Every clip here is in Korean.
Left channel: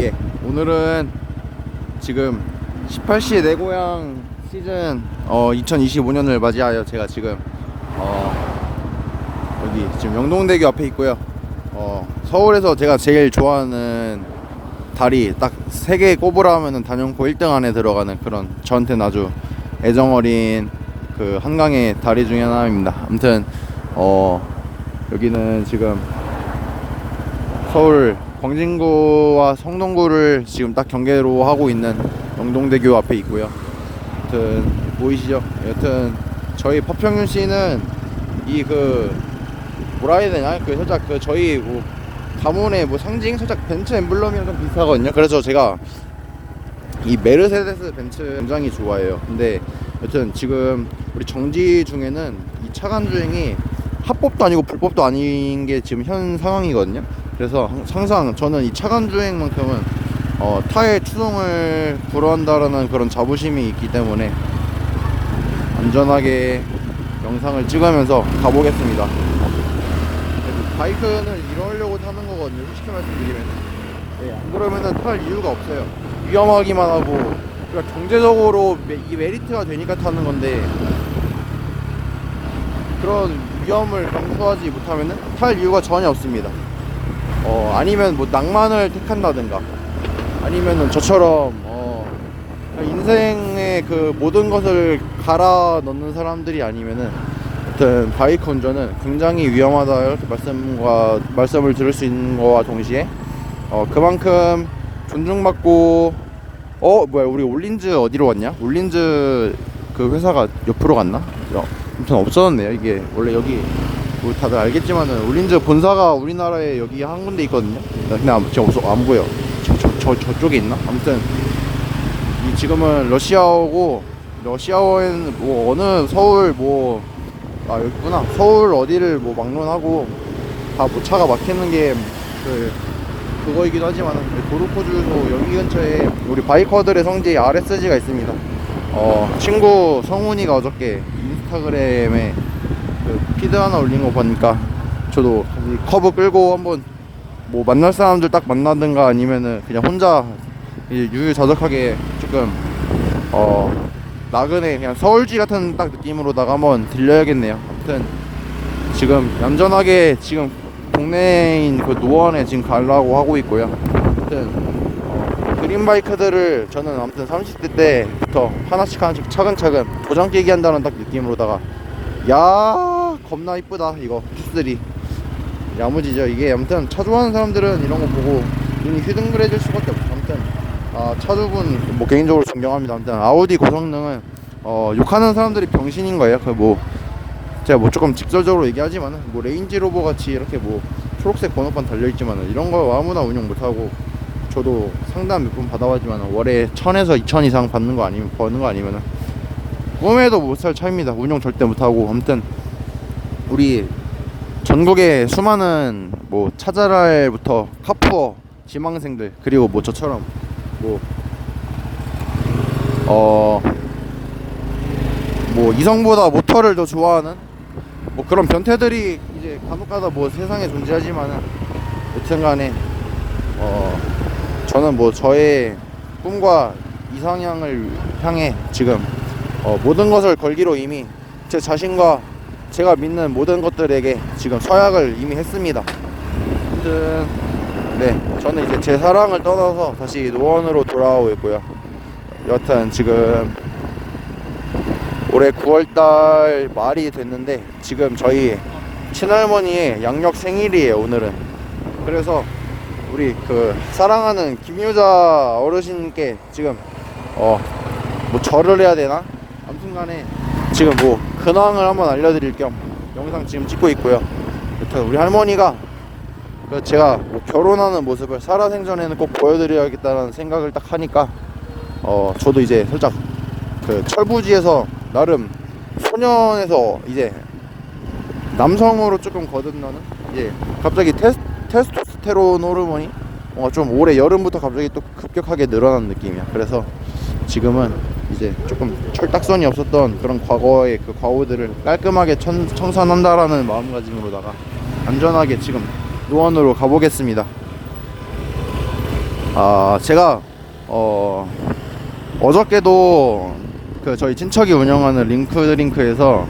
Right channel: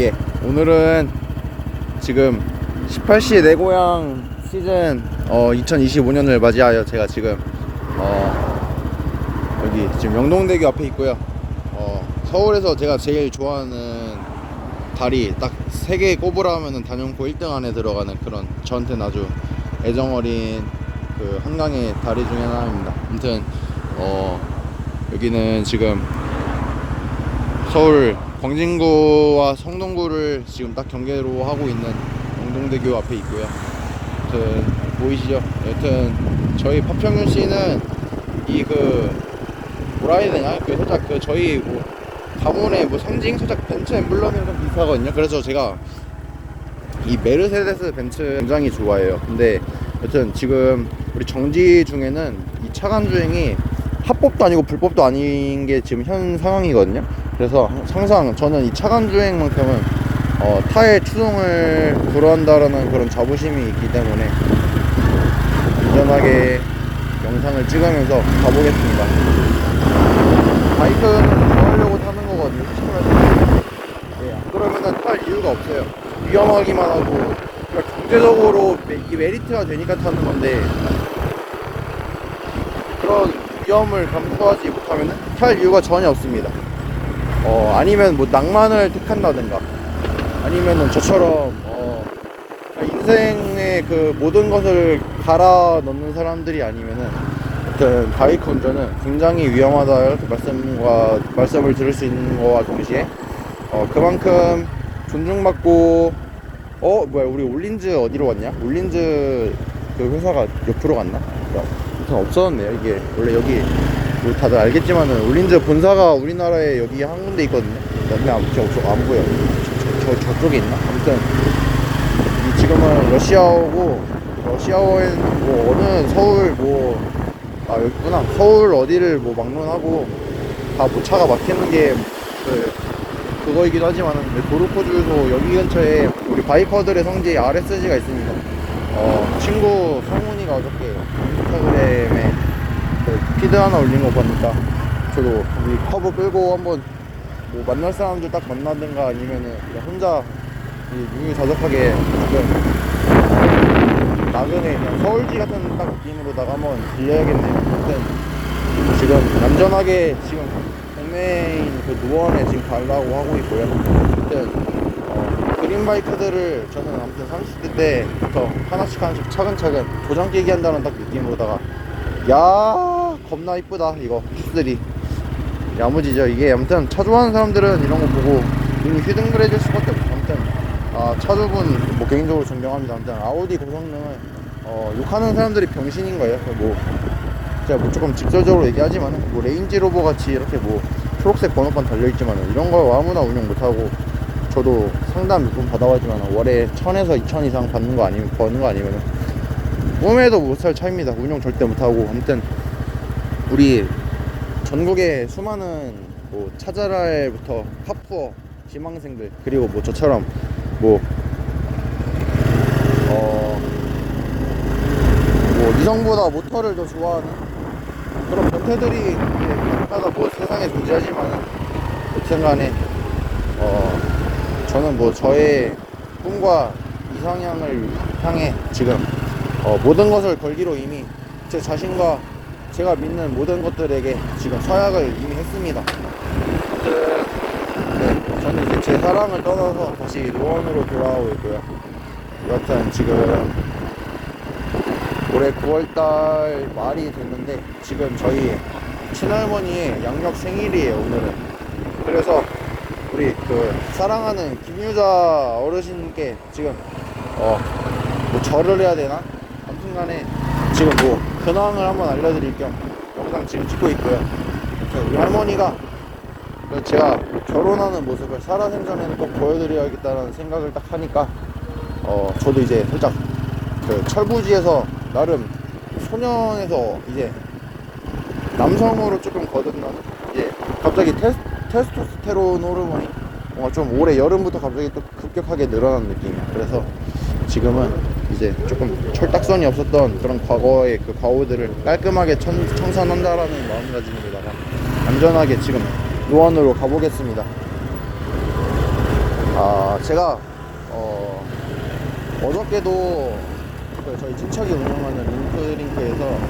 예, 오늘은 지금 18시 내 고향 시즌 2025년을 맞이하여 제가 지금 여기 지금 영동대교 앞에 있고요. 서울에서 제가 제일 좋아하는 다리 딱 3개 꼽으라 하면은 단연코 1등 안에 들어가는 그런 저한테는 아주 애정어린 그 한강의 다리 중에 하나입니다. 아무튼 여기는 지금 서울 광진구와 성동구를 지금 딱 경계로 하고 있는 영동대교 앞에 있고요. 여튼 보이시죠? 여튼 저희 파평윤 씨는 이 뭐라 해야 되나? 살짝 저희 가문의 상징 살짝 벤츠 엠블럼이랑 좀 비슷하거든요. 그래서 제가 이 메르세데스 벤츠 굉장히 좋아해요. 근데 여튼 지금 우리 정지 중에는 이 차간 주행이 합법도 아니고 불법도 아닌 게 지금 현 상황이거든요. 그래서 항상 저는 이 차간 주행만큼은 타의 추종을 불허한다라는 그런 자부심이 있기 때문에 안전하게 영상을 찍으면서 가보겠습니다. 바이크는 이거 하려고 타는 거거든요. 솔직히 말씀드리면 안 그러면 탈 이유가 없어요. 위험하기만 하고 그러니까 경제적으로 메리트가 되니까 타는 건데 그런 위험을 감수하지 못하면 탈 이유가 전혀 없습니다. 아니면 낭만을 택한다든가 아니면은 저처럼 인생의 모든 것을 갈아 넣는 사람들이 아니면은 아무튼 바이크 운전은 굉장히 위험하다 말씀을 들을 수 있는 거와 동시에 그만큼 존중받고 우리 올린즈 어디로 갔냐? 올린즈 그 회사가 옆으로 갔나? 아무튼 없어졌네요. 이게 원래 여기 다들 알겠지만은 올린즈 본사가 우리나라에 여기 한 군데 있거든요. 근데 안 보여. 저쪽에 있나? 아무튼 지금은 러시아어엔 어느 서울 여기구나. 서울 어디를 막론하고 다 차가 막히는 게 그거이기도 하지만은 도로코 주유소 여기 근처에 우리 바이커들의 성지 RSG가 있습니다. 친구 성훈이가 어저께 인스타그램에 피드 하나 올린 거 보니까 저도 거기 커브 끌고 한번 만날 사람들 딱 만나든가 아니면은 그냥 혼자 유유자적하게 조금 나그네 그냥 서울지 같은 딱 느낌으로다가 한번 들려야겠네요. 아무튼 지금 얌전하게 지금 동네인 노원에 지금 가려고 하고 있고요. 아무튼 그린바이크들을 저는 아무튼 30대 때부터 하나씩 차근차근 도장 깨기 한다는 딱 느낌으로다가 겁나 이쁘다 이거 피스들이 야무지죠. 이게 아무튼 차 좋아하는 사람들은 이런 거 보고 이미 히든글 해줄 수밖에 없어. 아무튼 차주분 개인적으로 존경합니다. 아무튼 아우디 고성능은 욕하는 사람들이 병신인 거예요. 제가 조금 직설적으로 얘기하지만은 레인지로버 같이 이렇게 초록색 번호판 달려있지만은 이런 거 아무나 운영 못하고 저도 상담 몇 번 받아봤지만은 월에 1000에서 2000 이상 버는 거 아니면은 꿈에도 못 살 차입니다. 운영 절대 못하고. 아무튼 우리 전국의 수많은 차자랄부터 카푸어 지망생들 그리고 저처럼 이성보다 모터를 더 좋아하는 그런 변태들이 가끔가다 세상에 존재하지만은 여튼간에 저는 저의 꿈과 이상향을 향해 지금 모든 것을 걸기로 이미 제 자신과 제가 믿는 모든 것들에게 지금 서약을 이미 했습니다. 아무튼 저는 이제 제 사랑을 떠나서 다시 노원으로 돌아오고 있고요. 여튼 지금 올해 9월달 말이 됐는데 지금 저희 친할머니의 양력 생일이에요 오늘은. 그래서 우리 사랑하는 김유자 어르신께 지금 절을 해야 되나? 아무튼간에 지금 근황을 한번 알려드릴 겸 영상 지금 찍고 있고요. 이렇게 우리 할머니가 제가 결혼하는 모습을 살아생전에는 꼭 보여드려야겠다는 생각을 딱 하니까 저도 이제 살짝 철부지에서 나름 소년에서 이제 남성으로 조금 거듭나는 이제 갑자기 테스토스테론 호르몬이 좀 올해 여름부터 갑자기 또 급격하게 늘어난 느낌이야. 그래서 지금은 이제 조금 철딱선이 없었던 그런 과거의 과오들을 깔끔하게 청산한다라는 마음가짐으로다가 안전하게 지금 노원으로 가보겠습니다. 제가 어저께도 그 저희 친척이 운영하는 링크드링크에서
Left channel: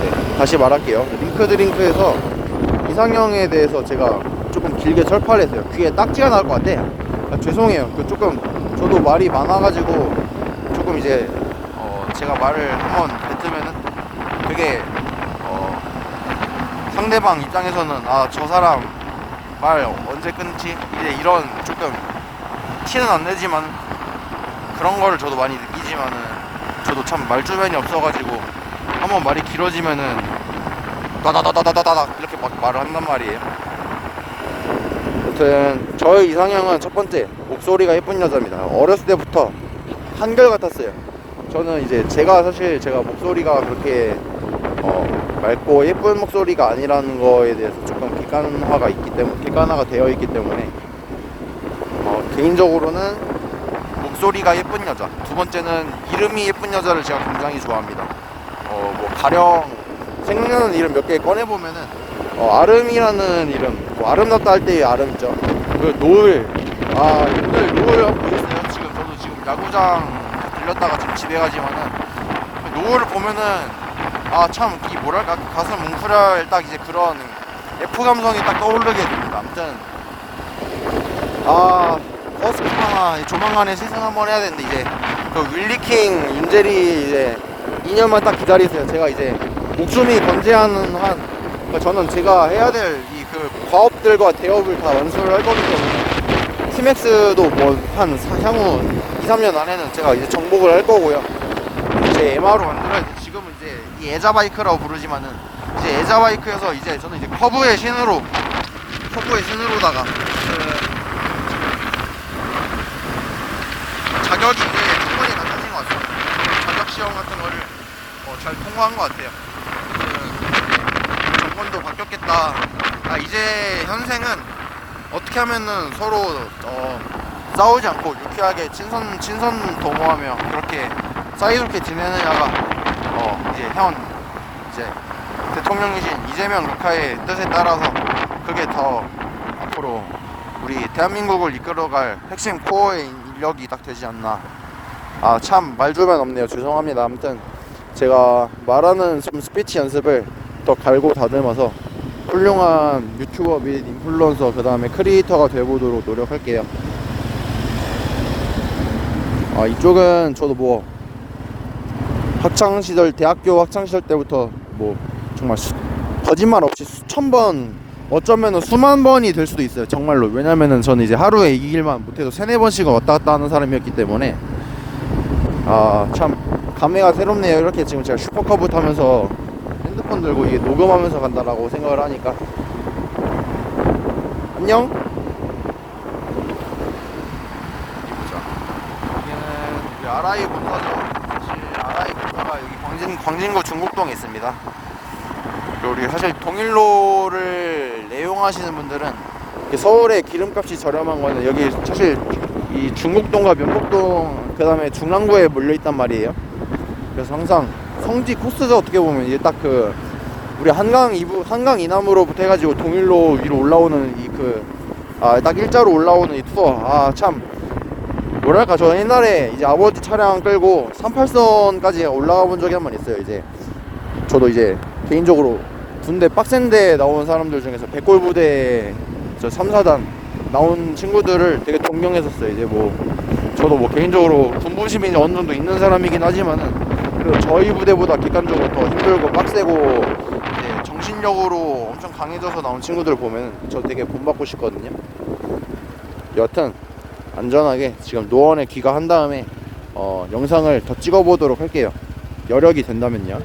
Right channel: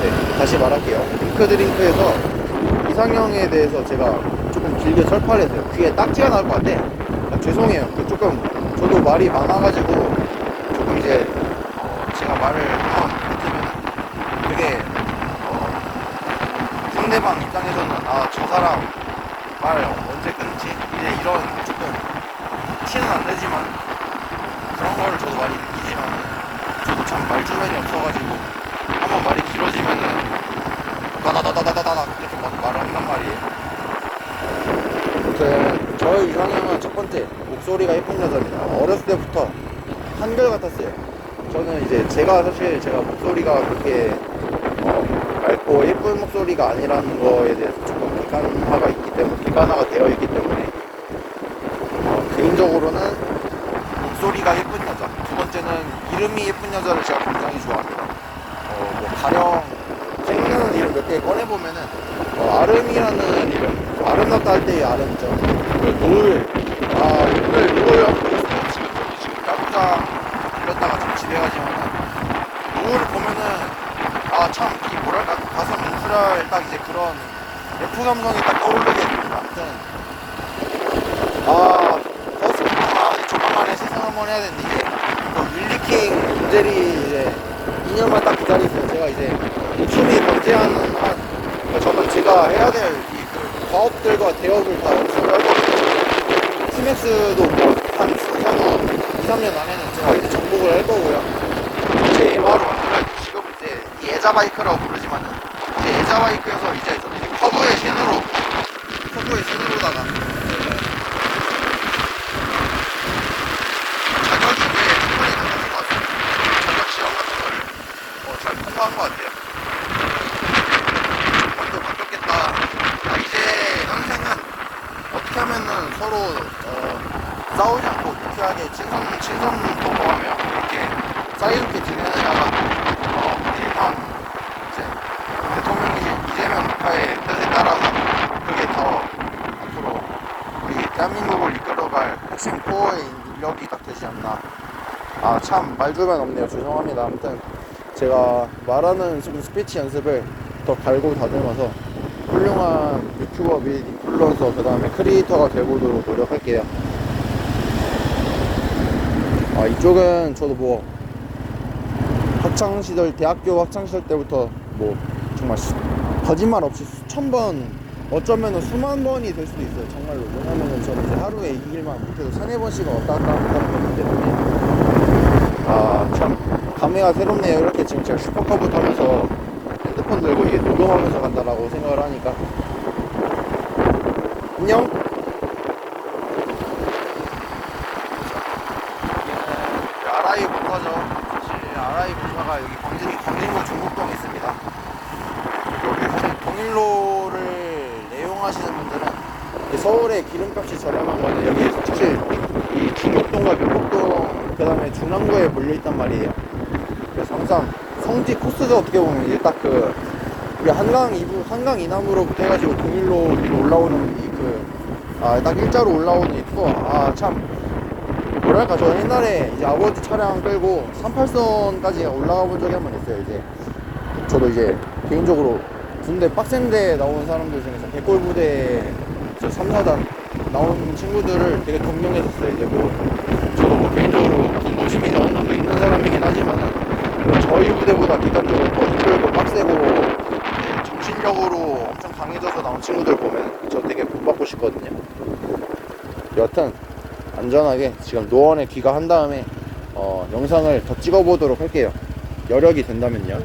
네, 다시 말할게요. 링크드링크에서 이상형에 대해서 제가 조금 길게 철파를 했어요. 귀에 딱지가 나올 것 같아. 죄송해요. 조금 저도 말이 많아가지고 조금 이제 제가 말을 한번 뱉으면 되게 상대방 입장에서는 저 사람 말 언제 끊지? 이제 이런 조금 티는 안 내지만 그런 걸 저도 많이 느끼지만은 저도 참 말주변이 없어가지고 한번 말이 길어지면은 다다다다다다다 이렇게 막 말을 한단 말이에요. 아무튼 저의 이상형은 첫 번째 목소리가 예쁜 여자입니다. 어렸을 때부터 한결같았어요. 저는 이제 제가 목소리가 그렇게 맑고 예쁜 목소리가 아니라는 거에 대해서 조금 객관화가 되어 있기 때문에 개인적으로는 목소리가 예쁜 여자, 두 번째는 이름이 예쁜 여자를 제가 굉장히 좋아합니다. 가령 생각나는 이름 몇 개 꺼내보면은 아름이라는 이름, 아름답다 할 때의 아름 있죠. 그리고 노을, 오늘 노을 한번 보셨어요? 저도 야구장 들렸다가 지금 집에 가지만은 노을을 보면은 참 이 뭐랄까 가슴 뭉클할 딱 이제 그런 F 감성이 딱 떠오르게 됩니다. 아무튼 버스킹이나 조만간에 세상 한번 해야 되는데 이제 그 윌리킹 인젤이 이제 2년만 딱 기다리세요. 제가 이제 목숨이 번제하는 한 저는 제가 해야 될 이 그 과업들과 대업을 다 연습을 할 거거든요. 티맥스도 뭐 한 향후 2-3년 안에는 제가 이제 정복을 할 거고요. 이제 MR로 만들어야 지금은 이제 이 에자바이크라고 부르지만은 이제 에자바이크에서 이제 저는 이제 커브의 신으로다가 자격이 이제 충분히 갖춰진 것 같아요. 자격 시험 같은 거를 잘 통과한 것 같아요. 조건도 바뀌었겠다. 이제 현생은 어떻게 하면은 서로 싸우지 않고 유쾌하게 친선 도모하며 그렇게 사이좋게 지내느냐가 이제 대통령이신 이재명 국가의 뜻에 따라서 그게 더 앞으로 우리 대한민국을 이끌어갈 핵심 코어의 인력이 딱 되지 않나. 참 말주변 없네요. 죄송합니다. 아무튼 제가 말하는 스피치 연습을 더 갈고 다듬어서 훌륭한 유튜버 및 인플루언서 그 다음에 크리에이터가 되보도록 노력할게요. 이쪽은 저도 뭐 대학교 학창시절 때부터 뭐 정말 거짓말 없이 수천 번, 어쩌면은 수만 번이 될 수도 있어요. 정말로. 왜냐면은 저는 이제 하루에 이 길만 못해도 3-4번씩은 왔다 갔다 하는 사람이었기 때문에 참 감회가 새롭네요. 이렇게 지금 제가 슈퍼커브 타면서 핸드폰 들고 이게 녹음하면서 간다라고 생각을 하니까. 안녕. 아라이 목화죠. 아라이 목화가 여기 광진구 중국동에 있습니다. 우리 사실 동일로를 애용하시는 분들은 서울의 기름값이 저렴한 건데 여기 사실 이 중국동과 명곡동 그 다음에 중랑구에 몰려있단 말이에요. 그래서 항상 성지 코스죠. 어떻게 보면 이게 딱 우리 한강 이남으로부터 해가지고 동일로 위로 올라오는 딱 일자로 올라오는 이 투어. 참 뭐랄까, 저 옛날에 이제 아버지 차량 끌고 38선까지 올라가 본 적이 한 번 있어요. 이제 저도 이제 개인적으로 군대 빡센데 나온 사람들 중에서 백골부대 3-4단 나온 친구들을 되게 존경했었어요. 이제 저도 개인적으로 군부심이 어느 정도 있는 사람이긴 하지만은 저희 부대보다 뒷감적으로 더 힘들고 빡세고 정신력으로 엄청 강해져서 나온 친구들 보면 저 되게 본받고 싶거든요. 여튼 안전하게 지금 노원에 귀가한 다음에 영상을 더 찍어보도록 할게요. 여력이 된다면요.